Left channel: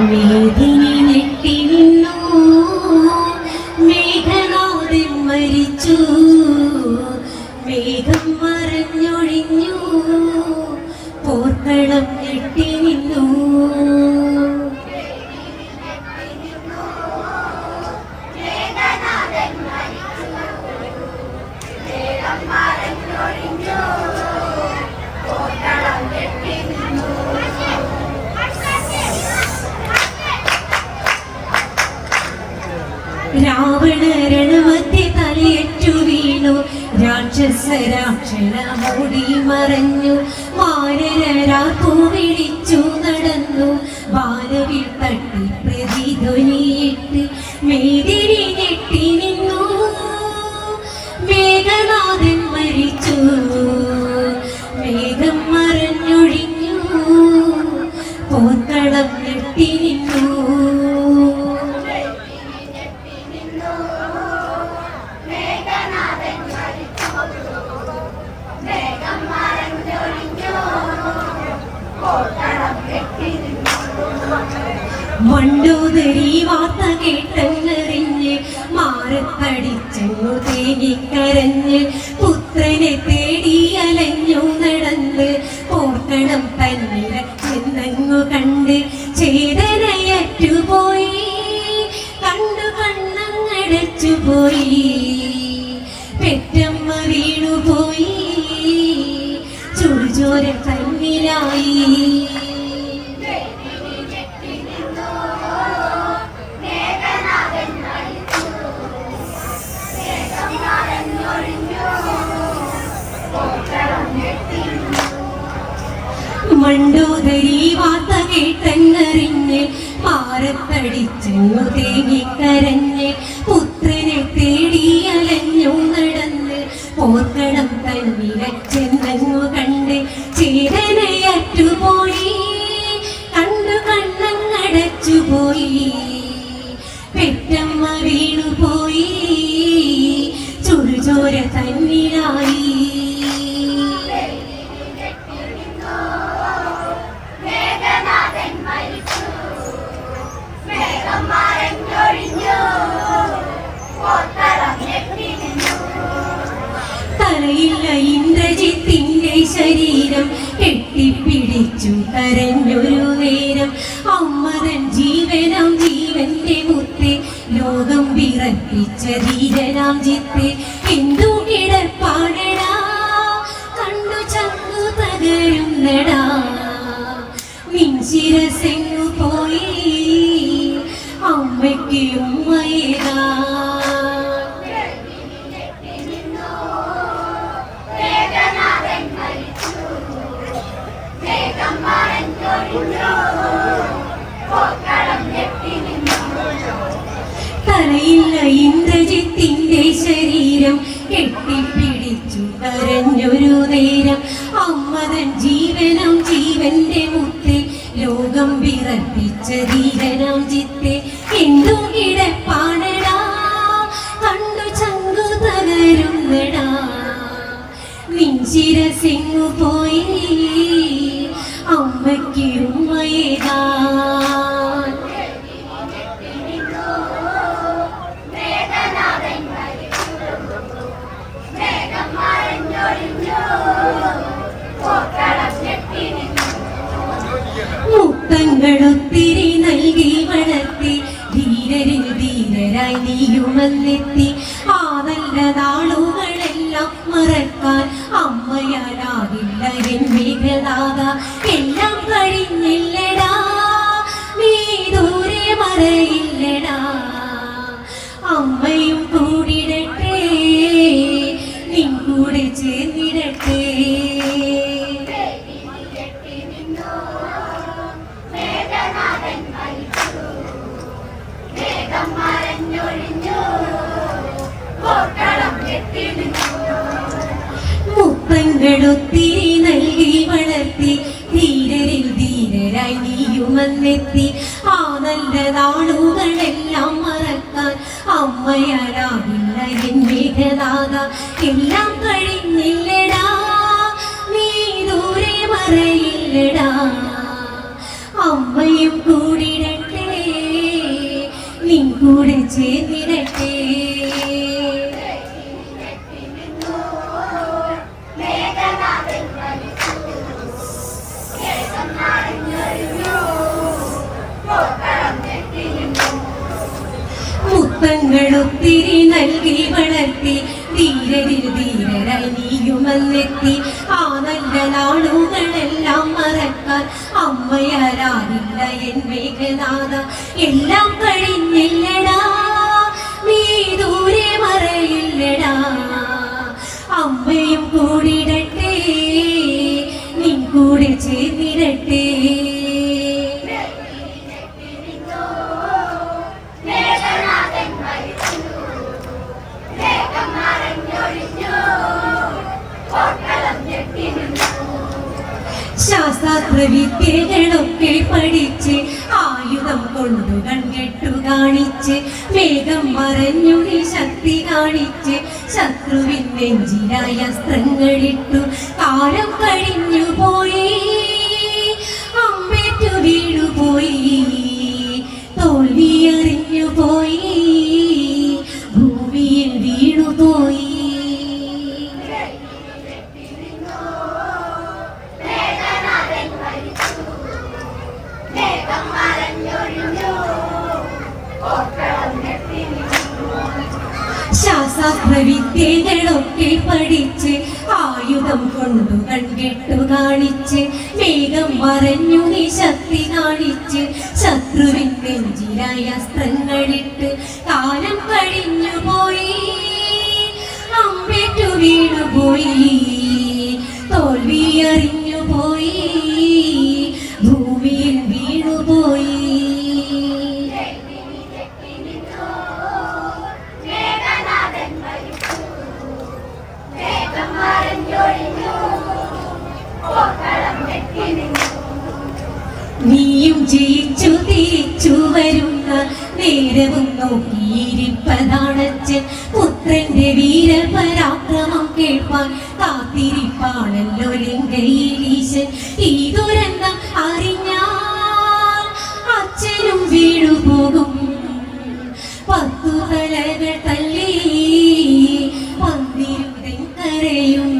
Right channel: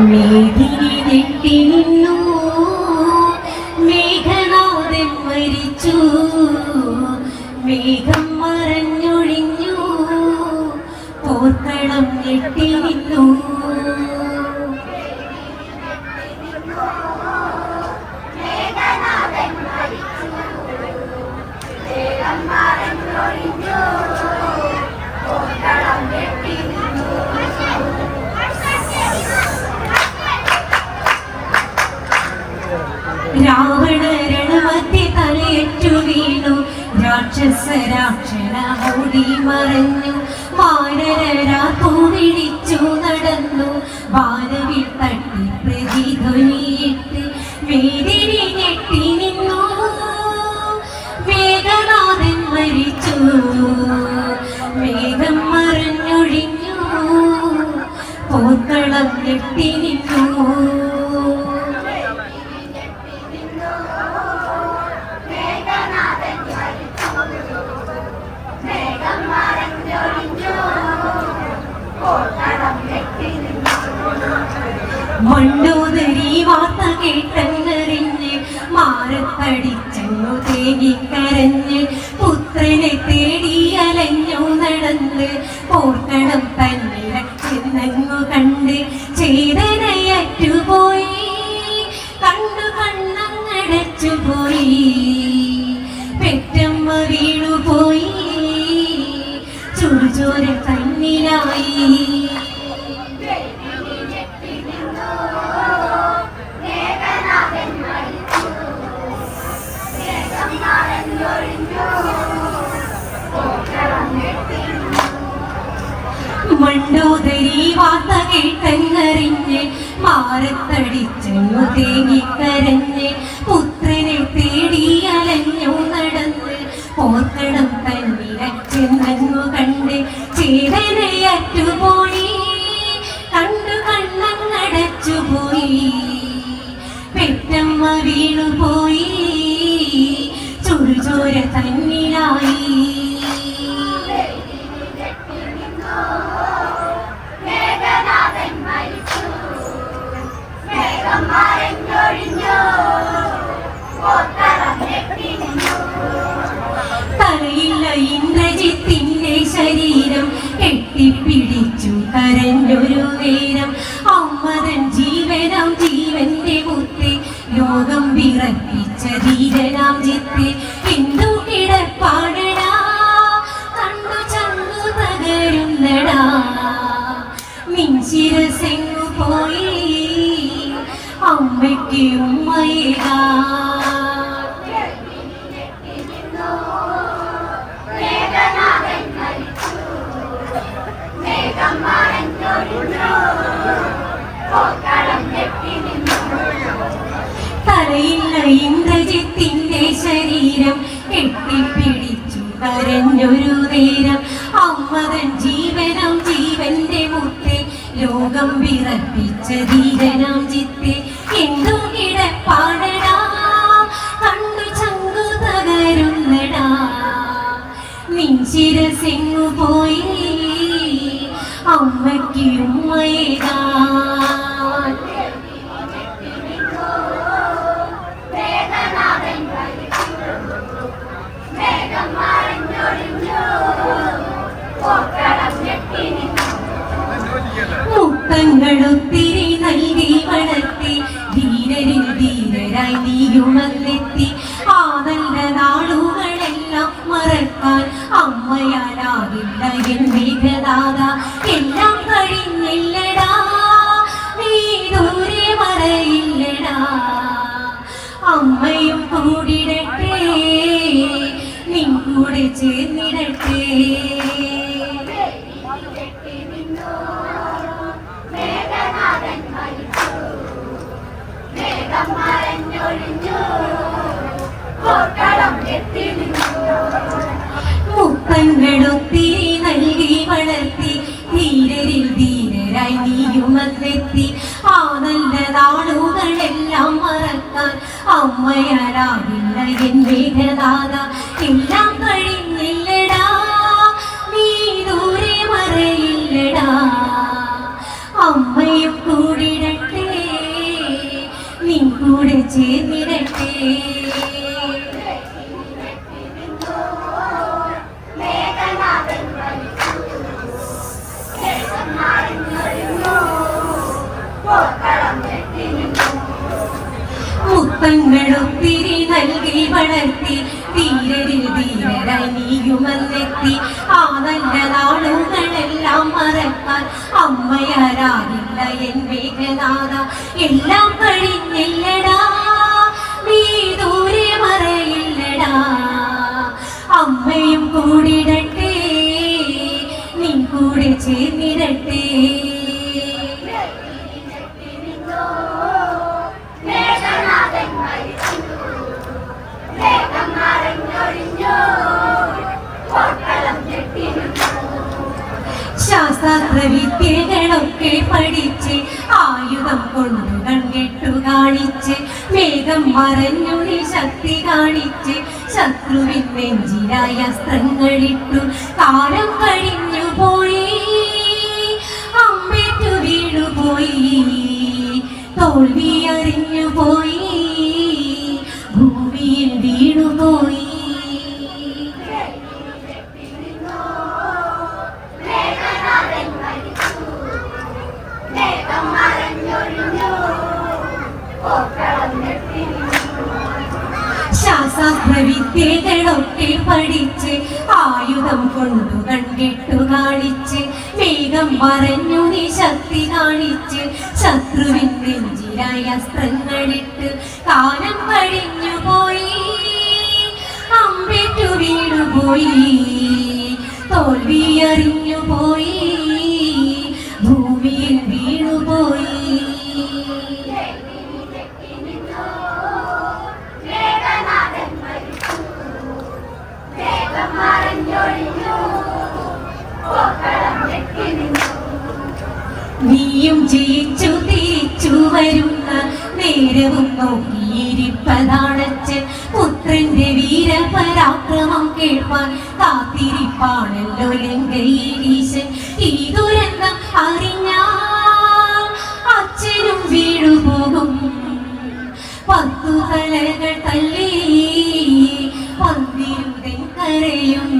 മേദിനി ഞെട്ടി നിന്നു, മേഘനാഥൻ മരിച്ചു, മേഘം മറഞ്ഞൊഴിഞ്ഞു, പോർക്കളം ഞെട്ടി നിന്നു. രാവണ രണമധ്യ തലയറ്റു വീണു, രാക്ഷസരാക്ഷണ മൂടി മറഞ്ഞു, വാനരരാത്തു വിളിച്ചു നടന്നു, വാനവിൽ തട്ടി പ്രതിധ്വനിയിട്ട് മേദിനി ഞെട്ടി നിന്നു. മേഘനാഥൻ മരിച്ചു, മേഘം മറഞ്ഞൊഴിഞ്ഞു, പോർക്കളം ഞെട്ടി നിന്നു. മണ്ടോദരി വാർത്ത കേട്ടെന്നറിഞ്ഞ് മാറത്തടിച്ചു തേങ്ങിക്കരഞ്ഞ്, പുത്രനെ തേടി അലഞ്ഞു നടന്ന്, പോർക്കണം തന്നിര ചെന്നങ്ങു കണ്ട് ചേതനയറ്റുപോയി, കണ്ടു കണ്ണങ്ങടച്ചുപോയി, പെറ്റമ്മ വീണുപോയി, ചുടുചോര തന്നിലായി. മണ്ടോദരി വാർത്ത കേട്ടെന്നറിഞ്ഞ് മാറത്തടിച്ചു തേങ്ങിക്കരഞ്ഞ്, പുത്രനെ തേടി അലഞ്ഞു നടന്ന്, പോർക്കണം തന്നിര ചെന്നങ്ങു കണ്ട് ചേതനയറ്റുപോയി, കണ്ടു കണ്ണങ്ങടച്ചുപോയി, പെറ്റമ്മ വീണുപോയി, ചുടുചോര തന്നിലായി. തലയില്ല ഇന്ദ്രജിത്തിന്റെ ശരീരം കെട്ടിപ്പിടിച്ചു കരഞ്ഞൊരു നേരം, അമ്മതൻ ജീവനാം ജീവന്റെ മുത്തേ, ലോകം വിറപ്പിച്ച ധീരനാം ചിത്തേ, എന്തു കിടപ്പാടടാ, കണ്ടു ചന്തു തകരുന്നടാ, നിൻ ശിരസെങ്ങു പോയി, അമ്മയ്ക്ക് ഉമ്മയേകാ. തലയില്ല ഇന്ദ്രജിത്തിന്റെ ശരീരം കെട്ടിപ്പിടിച്ചു കരഞ്ഞൊരു നേരം, അമ്മതൻ ജീവനാം ജീവന്റെ മുത്തേ, ലോകം വിറപ്പിച്ച ധീരനാം ചിത്തേ, എന്തു കിടപ്പാടടാ, കണ്ടു ചങ്കു തകരുന്നടാ, നിൻ ശിരസെങ്ങു പോയി, അമ്മയ്ക്ക് ഉമ്മയേകാ. മുത്തങ്ങളൊത്തിരി നൽകി വളർത്തി, ധീരരിൽ ധീരരായി നീയുമല്ലെത്തി, ആ നല്ല നാളുകളെല്ലാം മറക്കാൻ അമ്മയാലാകില്ല എൻ മേഘനാഥ. എല്ലാം കഴിഞ്ഞില്ലടാ, നീ ദൂരെ മറയില്ലടാ, അമ്മയും കൂടിടട്ടെ, നിൻ കൂടെ ചേർന്നിടട്ടെ. മുത്തങ്ങളൊത്തിരി നൽകി വളർത്തി, ധീരരിൽ ധീരരായി നീയുമല്ലെത്തി, ആ നല്ല നാളുകളെല്ലാം മറക്കാൻ അമ്മയാലാകില്ല എൻ മേഘനാഥ. എല്ലാം കഴിഞ്ഞില്ലടാ, നീ ദൂരെ മറയില്ലടാ, അമ്മയും കൂടിടട്ടെ. ചേർന്നിടട്ടെ. മുത്തങ്ങളൊത്തിരി നൽകി വളർത്തി ധീരരിൽ ധീരരായി നീയുമെന്നെത്തി. ആ നല്ല നാളുകളെല്ലാം മറക്കാൻ അമ്മയാരാകില്ല എൻ മേഘനാഥ. എല്ലാം കഴിഞ്ഞില്ലടാ, നീ ദൂരെ മറയില്ലടാ. അമ്മയും കൂടിടട്ടെ, നീ കൂടെ ചേർന്നിടട്ടെ. ശാസ്ത്രവിദ്യകളൊക്കെ പഠിച്ച് ആയുധം കൊണ്ടു കൺകെട്ടു കാണിച്ച് വേഗം മറഞ്ഞു നീ ശക്തി കാണിച്ച് ശത്രുവിൻ നെഞ്ചിലായ അസ്ത്രങ്ങളിട്ടു. കാലം കഴിഞ്ഞു പോയി, അമ്പേറ്റു വീണുപോയി, തോൽവി അറിഞ്ഞു പോയി, ഭൂമിയിൽ വീണുപോയി. ശാസ്ത്രവിദ്യകളൊക്കെ പഠിച്ച് ആയുധം കൊണ്ടു കൺകെട്ടു കാണിച്ച് വേഗം മറഞ്ഞു നീ ശക്തി കാണിച്ച് ശത്രുവിൻ നെഞ്ചിലായ അസ്ത്രങ്ങളിട്ട്. കാലം കഴിഞ്ഞു പോയി, അമ്പേറ്റു വീണുപോയി, തോൽവി അറിഞ്ഞു പോയി, ഭൂമിയിൽ വീണുപോയി. നീയും ജയിച്ചു തിരിച്ചു വരുന്ന നേരവും നോക്കിയിരിപ്പതാണച്ചൻ. പുത്രന്റെ വീരപരാക്രമം കേൾപ്പാൻ കാത്തിരിപ്പാണല്ലോ ലങ്കയിലീശൻ. ഈ ദുരന്തം അറിഞ്ഞാൽ അച്ഛനും വീണുപോകും. 10 തലകൾ തല്ലി വന്നിരുതൻ കരയും.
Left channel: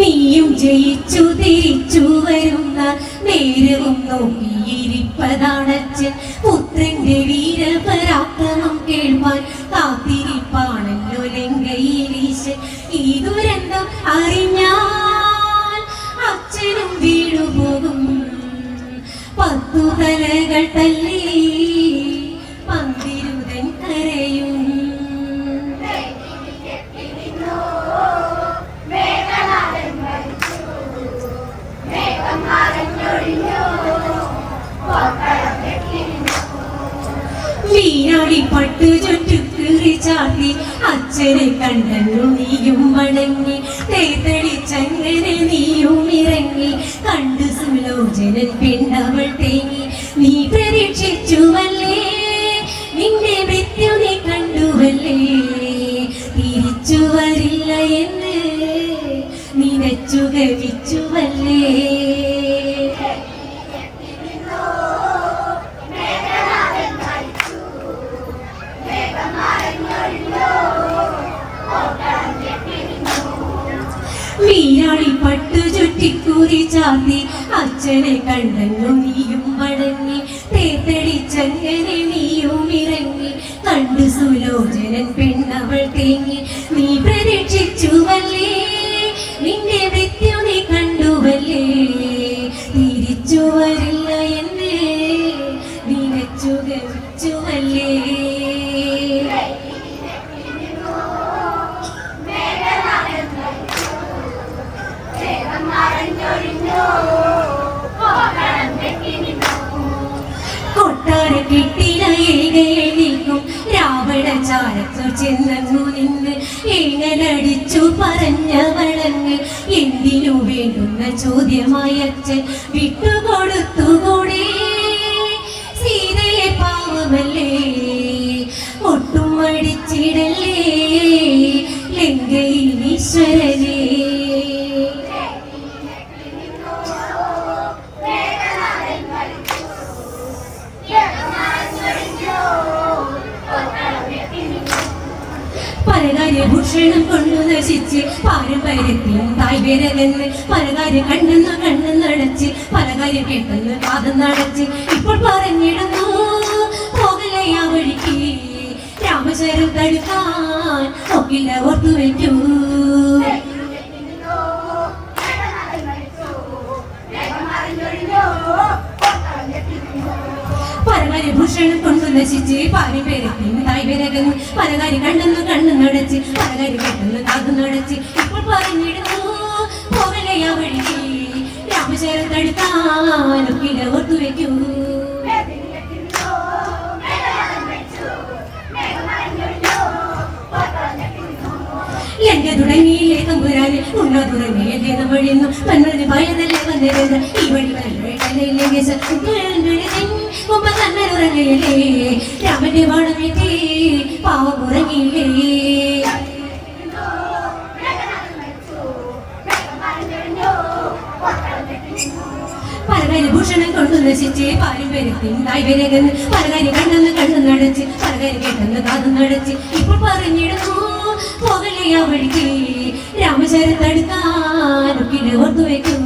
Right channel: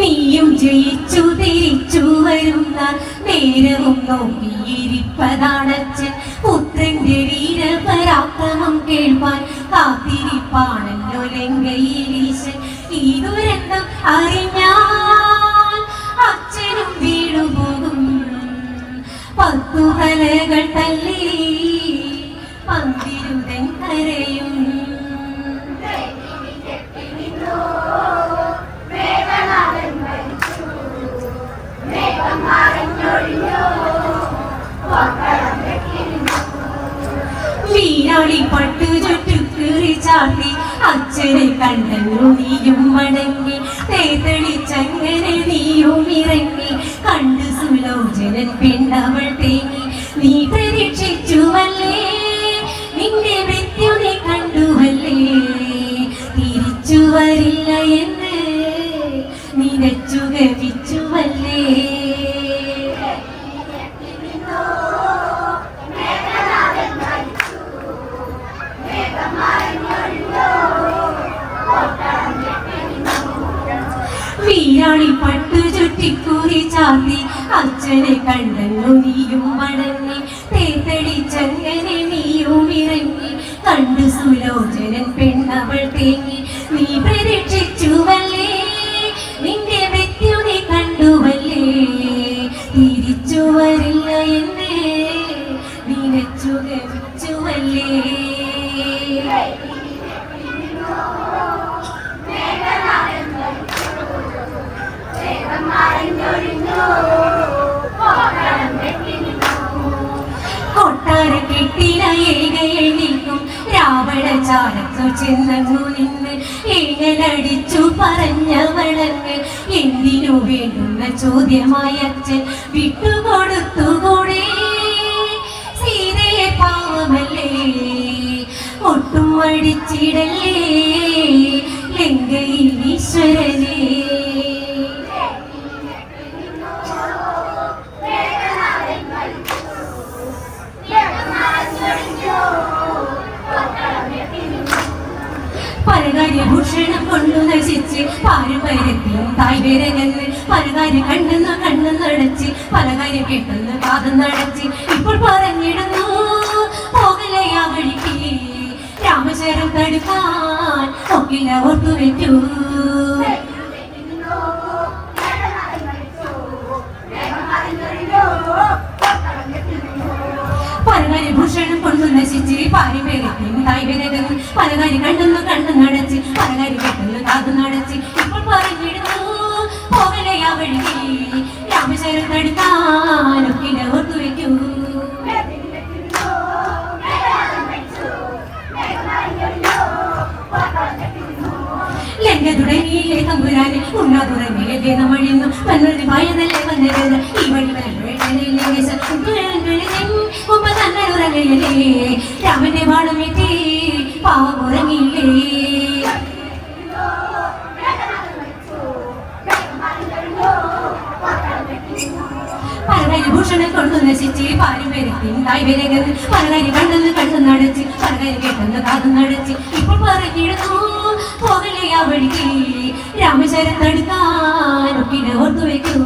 നീയും ജയിച്ചു തിരിച്ചു വരുന്ന നേരവും നോക്കിയിരിപ്പതാണച്ചൻ. പുത്രന്റെ വീരപരാക്രമം കേൾപ്പാൻ കാത്തിരിപ്പാണല്ലോ ലങ്കയിലീശൻ. ഈ ദുരന്തം അറിഞ്ഞാൽ അച്ഛനും വീണുപോകും. 10 തലകൾ തല്ലി പന്തിരുതൻ കരയും. വീരാളി പട്ടു ചുറ്റുകീറി ചാട്ടി അച്ഛനെ കണ്ടു നീയും വണങ്ങി. തേത്തളിച്ചങ്ങനെ നീയും ഇറങ്ങി കണ്ടു സുലോചനൻ പെണ്ണവൾ തേങ്ങി. നീ പ്രതീക്ഷിച്ചുവല്ലേ, നിന്റെ മൃത്യു നീ കണ്ടുവല്ലേ, തിരിച്ചു വരില്ല എന്ന് നിനച്ചു ഗമിച്ചുവല്ലേ. വീരാളി പട്ടു ചുറ്റിക്കൂറി ചാത്തി അച്ഛനെ കണ്ടു നീയും വണങ്ങി. തേത്തടിച്ചങ്ങനെ നീയും ഇറങ്ങി കണ്ടു സുലോചനൻ പെണ്ണവൾ തേങ്ങി. നീ പ്രതീക്ഷിച്ചുവല്ലേ, നിന്റെ മൃത്യു നീ കണ്ടുവല്ലേ, തിരിച്ചു വരില്ല എന്ന് നിനച്ചു ഗമിച്ചുവല്ലേ. കൊട്ടാര കിട്ടില ഏകേണിക്കും രാവണചാരത്തു ചെന്നു നിന്ന് ഏങ്ങലടിച്ചു പറഞ്ഞവളങ്ങ്. എന്തിനു വേണ്ടുന്ന ചോദ്യമായി അച്ഛൻ വിട്ടുകൊടുത്തുകൂടെ, സീതയെ പാവമല്ലേ ഒട്ടും മടിച്ചിടല്ലേ, പരകാര്യഭൂഷണം കൊണ്ടു നശിച്ച് പാരമ്പര്യത്തിലും തായ്വരകന്ന് പലകാര്യം കണ്ണെന്ന് കണ്ണെന്നടച്ച് പലകാര്യം കേട്ടെന്ന് കാതെന്നടച്ച് ഇപ്പോൾ പറഞ്ഞിടുന്നു പോകലേ ആ വഴിക്ക് രാമചരം തടുക്കാൻ ഒക്കില്ല ഓർത്തുവെക്കൂ. പരകാര്യഭൂഷണം കൊണ്ടു നശിച്ച് പാരമ്പര്യത്തിലും തായ്വരകന്ന് പലകാര്യം കണ്ണെന്ന് കണ്ണെന്നടച്ച് പലകാര്യം കേട്ടെന്ന് കാതെന്നടച്ച് ഇപ്പോൾ പറഞ്ഞിടുന്നു പോകലേ ആ വഴിക്ക് രാമചരം തടുക്കാൻ ഒക്കില്ല ഓർത്തുവെക്കൂ. ലങ്ക തുടങ്ങിയില്ലേ തമ്പുരാന് ഉണ്ണാതുറങ്ങിയ ഗീതം വഴിയുന്നു തന്നൊരു ഭയതല്ലേ വന്നിരുന്ന ഈ വഴി തന്നുറങ്ങയല്ലേ രാമന്റെ വാളമേറ്റി പാവമുറങ്ങിയില്ലേ. പലകാര്യഭൂഷണം കൊണ്ടു നശിച്ച് പാരമ്പര്യത്തിൻ തായ്വരകന്ന് പലകാര്യം കണ്ണെന്ന് കണ്ണെന്നടച്ച് പലകാര്യം കേട്ടെന്ന് കാതെന്നടച്ച് ഇപ്പോൾ പറഞ്ഞിടുന്നു പോകലേ ആ വഴിക്ക് രാമചരം തടുക്കാൻ ഒക്കില്ല ഓർത്തുവെക്കൂ.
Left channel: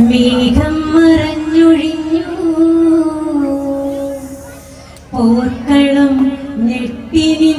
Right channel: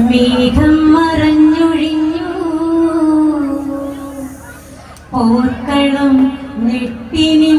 മേഘം മറഞ്ഞൊഴിഞ്ഞു പോർക്കളും ഞെട്ടിനി